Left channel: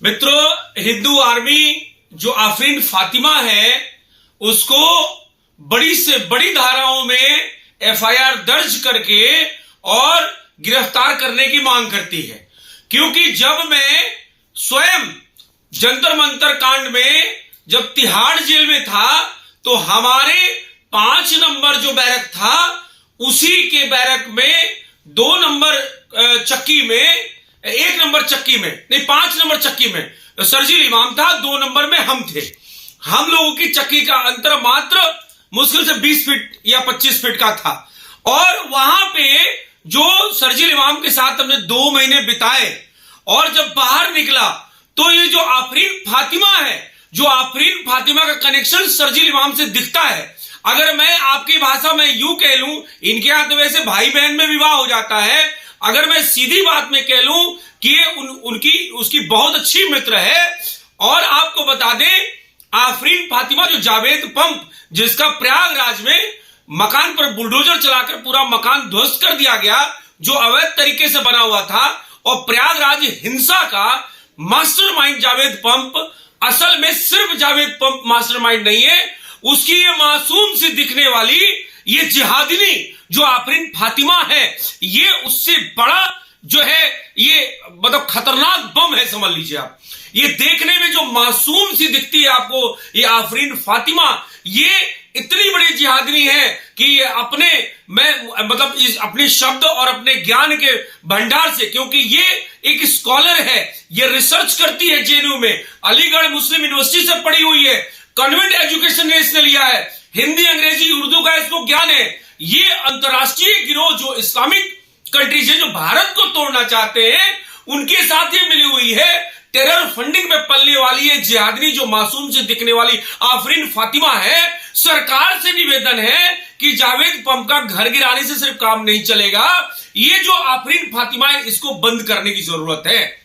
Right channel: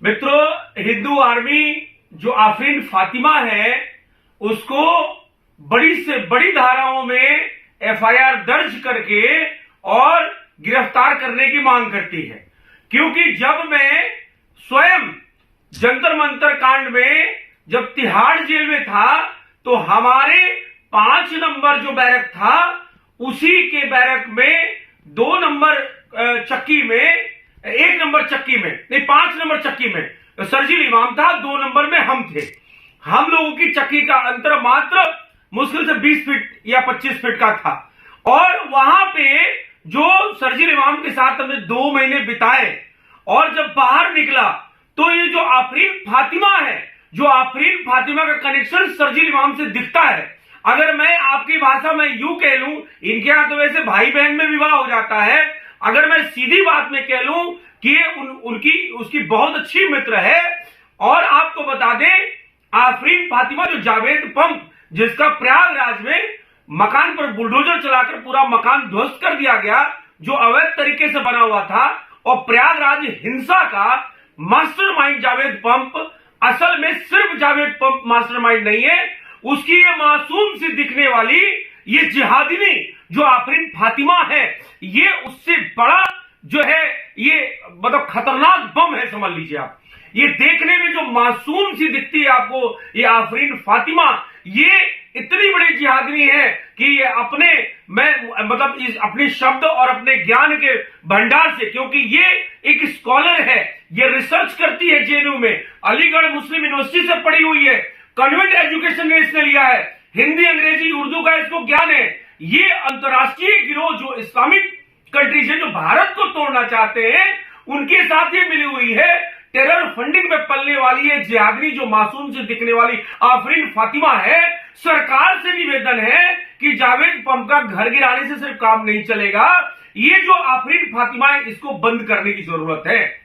मित्रों, हिंदू आर्मी जो आफरीन फातिमा है उसको बड़ी से बड़ी धाराओं में एफआईआर दर्ज करके और गिरफ्तार करने की मांग करती है। क्योंकि जब मैं स्वयं जंतर मंतर कांड में जब तिहाड़ जेल में था तो हमारे 5 नंबर जो बैरक था उसी के बैरक में 2 नंबर चक्की में 1 नंबर चक्की में नहीं 5 नंबर चक्की में सर्जिल इमाम था, 2 नंबर में हम थे। हम लोगों की चक्की का अंतर मात्र मुश्किल से 20 फीट या 25 फीट का था और वहां पे जो सर्जिल इमाम के साथ हमने 2 महीने बिताए और जब बाहर निकला तो ये जो आफरीन फातिमा है, जो आफरीन फातिमा का कनेक्शन सर्जिल इमाम से दिखता है। अगर मैं आपकी भाषा में यूं कह लूं, इनके यहां तो वैसे भाई बहन में विवाह हो जाता है, अगर मैं सीधी बात में कह लूं कि उनकी उसकी बहुत अच्छी मित्र है। और आपको बता दें, आफरीन फातिमा जो जावेद पंप जिसका प्रयागराज में मकान पर बुलडोजर चलाकर पूरा मकान ध्वस्त कर दिया गया, जो अवैध तरीके से बना हुआ था, और प्रयागराज हिंसा का मास्टरमाइंड जावेद पंप, असल में सिर्फ जावेद पंप मास्टरमाइंड नहीं है, उसकी ये मासूम सी दिखने वाली ये जिहादिनी जो आफरीन फातिमा है, ये उससे बड़ा जो है ये मतलब खतरनाक बम है, समझ लीजिए आप। ये देखने में जो मासूम सी दिखती है आपको ये आफरीन फातिमा, ये इतनी बड़ी जिहादिनी है कि ये अपने शब्द और अपने ज्ञान के भंडार से, क्योंकि ये एक स्कॉलर है, ये रिसर्च करती है जेएनयू में, अलीगढ़ मुस्लिम यूनिवर्सिटी से पढ़ी हुई है, कन्वेंट एजुकेशन ने इसने लिया है, हिंदी अंग्रेजी उर्दू का इसको ज्ञान है। ये अंतरराष्ट्रीय गिरोह जो इस्लामिक कंट्रीज है, जो भारत को तोड़ना चाहते हैं, उनके साथ ये मिली हुई है। टेरर फंडिंग में पलने वाली है जिहादिनी जो मासूम से दिखने वाली आफरीन फातिमा है। सरकार से निवेदन है कि जावेद पंप का घर गिराने से सिर्फ काम नहीं चलेगा, ये जो आफरीन फातिमा है इसको बंद करने की जरूरत है।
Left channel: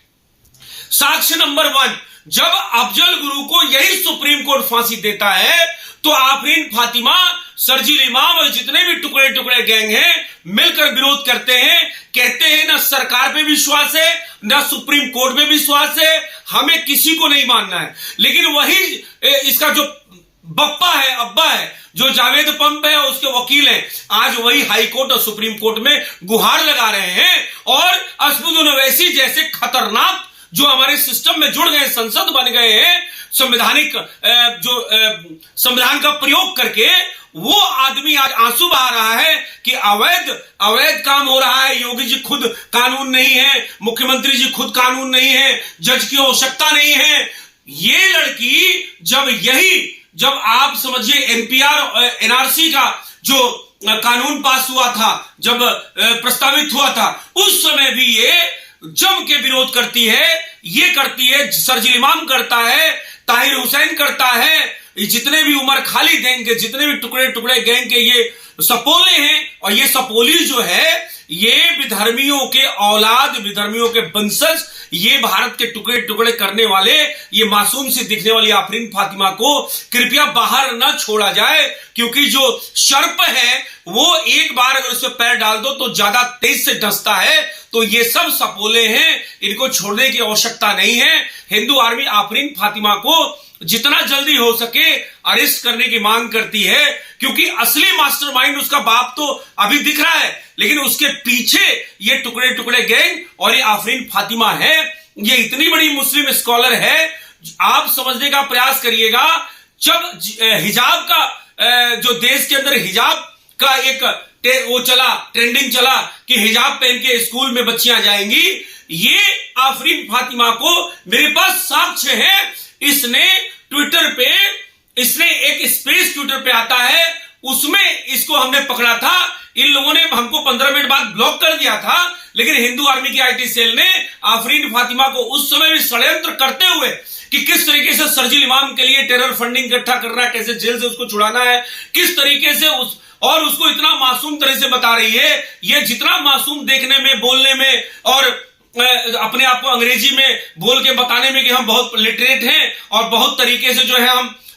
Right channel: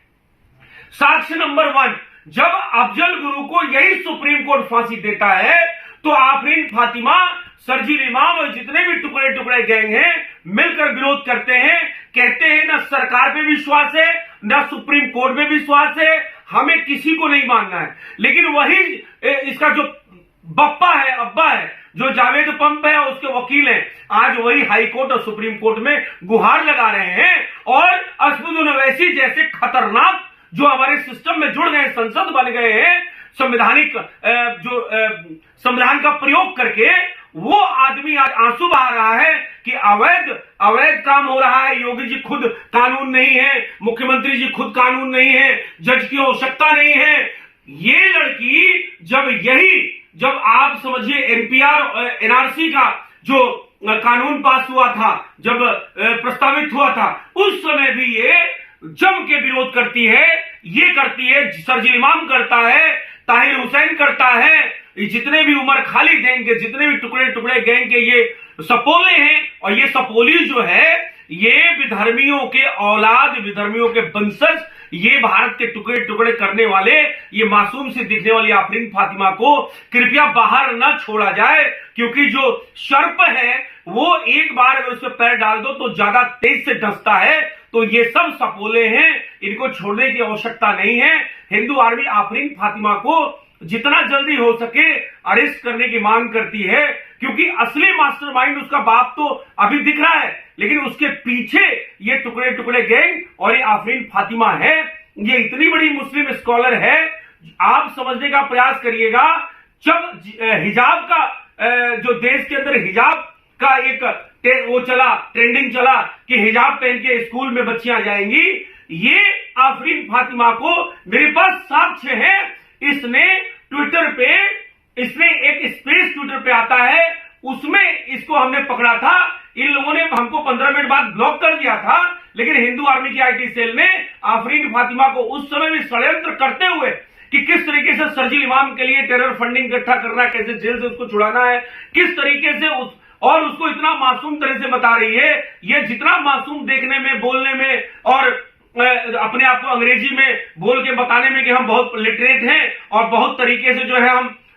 साक्ष्य नंबर 1, जब अफजल गुरु को यही सुप्रीम कोर्ट फांसी देता है तो आफरीन फातिमा, सर्जिल इमाम और जितने भी टुकड़े टुकड़े गैंग हैं मिलकर विरोध करते हैं, कहते हैं ना सरकार पे विश्वास है ना सुप्रीम कोर्ट पे विश्वास है, हमें किसी को नहीं मानना है। लेकिन वही इसका जो बप्पा है, अब्बा है, जो जावेद पंप है उसके वकील हैं, आज वही हाई कोर्ट और सुप्रीम कोर्ट में गुहार लगा रहे हैं। और असदुद्दीन ओवैसी जैसे खतरनाक जो हमारे सिस्टम में जुड़ गए, संसद बन गए हैं, संवैधानिक संविधान का प्रयोग करके, वो आदमी आज आंसू बहा रहा है कि अवैध काम हो रहा है। योगी जी खुद कानून नहीं है, मुख्यमंत्री जी खुद कानून नहीं है, जज की आवश्यकता नहीं है। ये लड़की जब आप समझिए एनपीआर एनआरसी का जो कानून पास हुआ था, जब प्रस्तावित हुआ था, उस समय भी ये जम के विरोध करती है। ये करती है, सर्जिल इमाम करता है, ताहिर हुसैन करता है, जितने भी उमर खालिद गैंग के, जितने भी टुकड़े टुकड़े गैंग के ये सपोले हैं। और ये सपोली जो है ये विधर्मियों के औलाद, विधर्मियों के वंशज, ये भारत के टुकड़े टुकड़े करने वाले, ये मासूम से दिखने वाली आफरीन फातिमा को कृपया बाहर ना छोड़ा जाए। क्योंकि जो सर्प है वो एक बार अगर उस पर पैर डाल दो तो ज्यादा तेज से डसता है। तो ये सब सपोले हैं, इनको छोड़ने की आवश्यकता नहीं है। हिंदू आर्मी आफरीन फातिमा को जितना जल्दी हो सके अरेस्ट करने की मांग करती है, क्योंकि असली मास्टरमाइंड उसका बाप तो अभी दिख रहा है, लेकिन उसके पीछे ये टुकड़े टुकड़े गैंग और ये आफरीन फातिमा है। ये इतनी बड़ी मुस्लिम स्कॉलर है, आप समझने का प्रयास करिएगा। जब हिजाब का जो देश के अंदर हिजाब का एक वो चला, ट्रेंडिंग चला कि हिजाब पहन के स्कूल में बच्चियां जाएंगी, ये आफरीन फातिमा को मेरे पास साक्ष्य है। इसने एक स्पेस ट्विटर पे आता है, उसमें इसको हमने पकड़ा था। इन लोगों ने हमको 15 मिनट बाद ब्लॉक कर दिया था, लेकिन हिंदू आर्मी की आईटी सेल ने आफरीन फातिमा को उस समय भी षड्यंत्र करते हुए कि किस तरीके से सर्जिल इमाम के लिए टेरर फंडिंग इकट्ठा करना है, कैसे जेल से उसको छुड़ाना है, किस तरीके से और उसको इतना मासूम तरह से बता रही है। ये जितना मासूम देखने में, बोलने में और अपने आप को अंग्रेजी में बोल के बताने में कि हम बहुत लिटरेट हैं और बहुत तरीके से जो है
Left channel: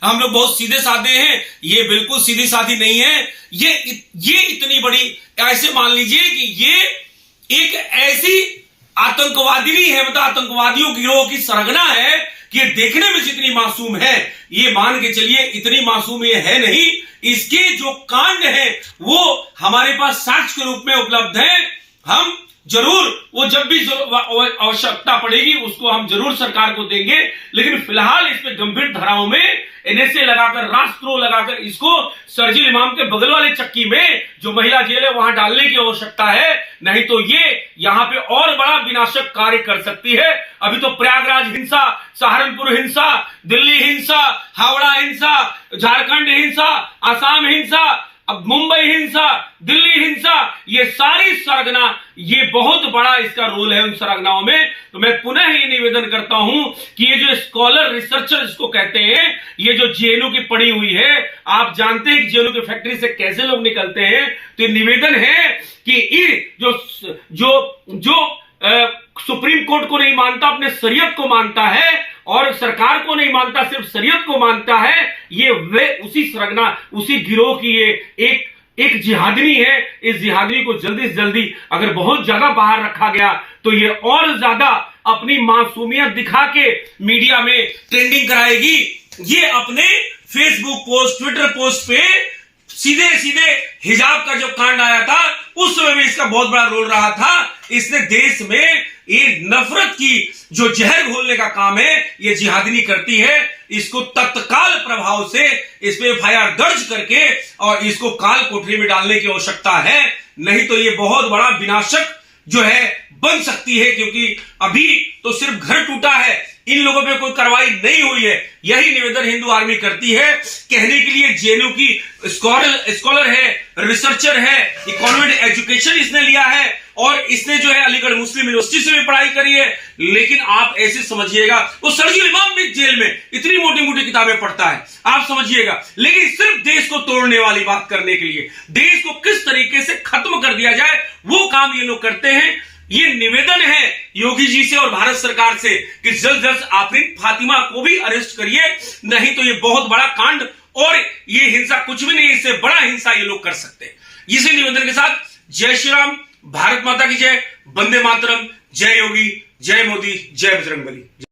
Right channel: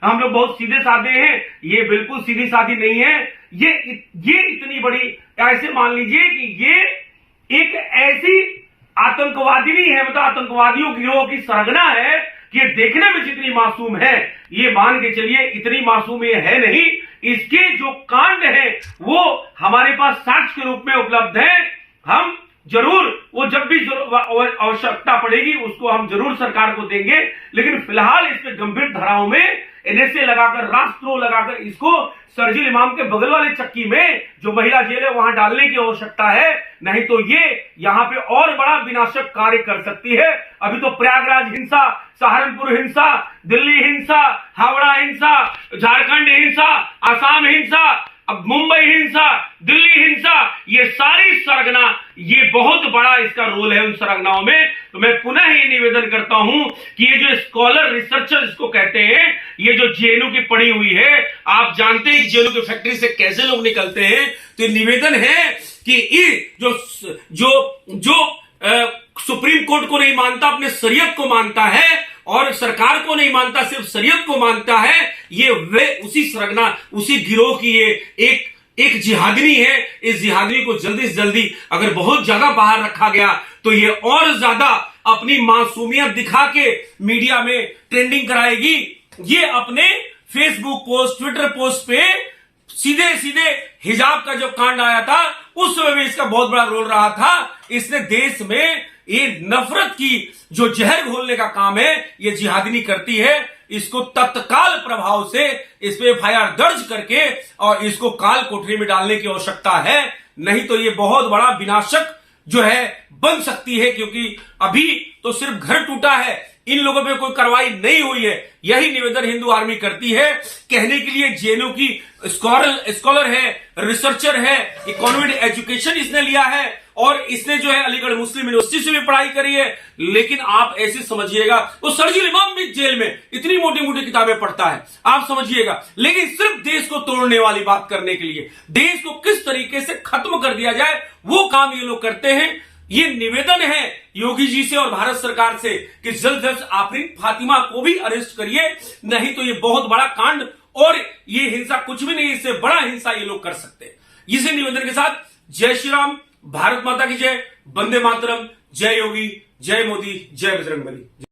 हम लोग बहुत सीधे साधे हैं, ये बिल्कुल सीधी साधी नहीं है। ये इतनी बड़ी, ऐसे मान लीजिए कि ये एक ऐसी आतंकवादी है, मतलब आतंकवादियों गिरोह की सरगना है कि ये देखने में जितनी मासूम है, ये मान के चलिए इतनी मासूम ये है नहीं। इसके जो कांड है वो हमारे पास साक्ष्य के रूप में उपलब्ध है। हम जरूर वो जब भी आवश्यकता पड़ेगी उसको हम जरूर सरकार को देंगे, लेकिन फिलहाल इस पे गंभीर धाराओं में एनएसए लगाकर, राष्ट्रद्रोह लगाकर इसको शरजील इमाम के बगल वाले चक्की में जो महिला जेल है वहां डालने की आवश्यकता है, नहीं तो ये यहां पे और बड़ा विनाशक कार्य कर सकती है। अभी तो प्रयागराज हिंसा, सहारनपुर हिंसा, दिल्ली हिंसा, हावड़ा हिंसा, झारखंड हिंसा, आसाम हिंसा, अब मुंबई हिंसा, दिल्ली हिंसा, ये सारी सरगना, ये बहुत बड़ा इसका रोल है उन सरगनाओं में। तो मैं पुनः ये निवेदन करता हूं कि ये जो स्कॉलर रिसर्चर इसको कहते हैं, ये जो जेएनयू की पड़ी हुई है, आप जानते हैं कि जेएनयू की फैक्ट्री से कैसे लोग निकलते हैं। तो निवेदन है कि ये जो सुप्रीम कोर्ट को नहीं मानता, अपने शरीयत को मानता है, और सरकार को नहीं मानता, सिर्फ शरीयत को मानता है, ये वे उसी सरगना, उसी गिरोह की ये एक जिहादनी है। इस जिहादनी को जल्दी से जल्दी अगर बहुत ज्यादा बाहर रखा गया तो ये और ज्यादा अपनी मासूमियत दिखा के मीडिया में ट्रेंडिंग कराएगी। ये अपने फेसबुक पोस्ट, ट्विटर पोस्ट पे सीधे सीधे हिजाब का जो कांड आया था उस समय भी इसका बहुत बड़ा रोल रहा था। इसने देश में ये नफरत की जो जहर घोलने का काम है ये जिहादनी करती है। इसको तत्काल प्रभाव से इस पे एफआईआर दर्ज करके और इसको काल कोठरी में डालने की आवश्यकता है, नहीं तो ये बहुत बड़ा विनाशक जो है बन सकती है। क्योंकि अभी तो सिर्फ घर टूटा है, इन लोगों पे कोई कार्रवाई नहीं हुई है। यही निवेदन हिंदू आर्मी करती है। कहने के लिए जेएनयू की स्कॉलर है, रिसर्चर है, इकोनॉमिक एजुकेशन इसने लिया है और इसने जो है अलीगढ़ मुस्लिम यूनिवर्सिटी से भी पढ़ाई करी है। लेकिन आप ऐसे समझिएगा, वो शरजील इमाम भी जेल में इतनी मोटी मोटी किताबें पढ़ता है, आप समझिएगा। लेकिन सिर्फ देश को तोड़ने वाली बात करने के लिए, देश को किस तरीके से खत्म कर दिया जाए वो काम ये लोग करते हैं। ये निवेदन है योगी जी से और भारत सरकार से कि जल्द जल्द आफरीन फातिमा को भी अरेस्ट करिए, नहीं तो ये बहुत बड़ा कांड और ये हिंसा कुछ भी नहीं, इससे बड़ा हिंसा ये लोग कर सकते हैं। इसी निवेदन के साथ जय श्री राम, भारत माता की जय, वंदे मातरम, जय योगी, जय मोदी, जय बजरंगबली।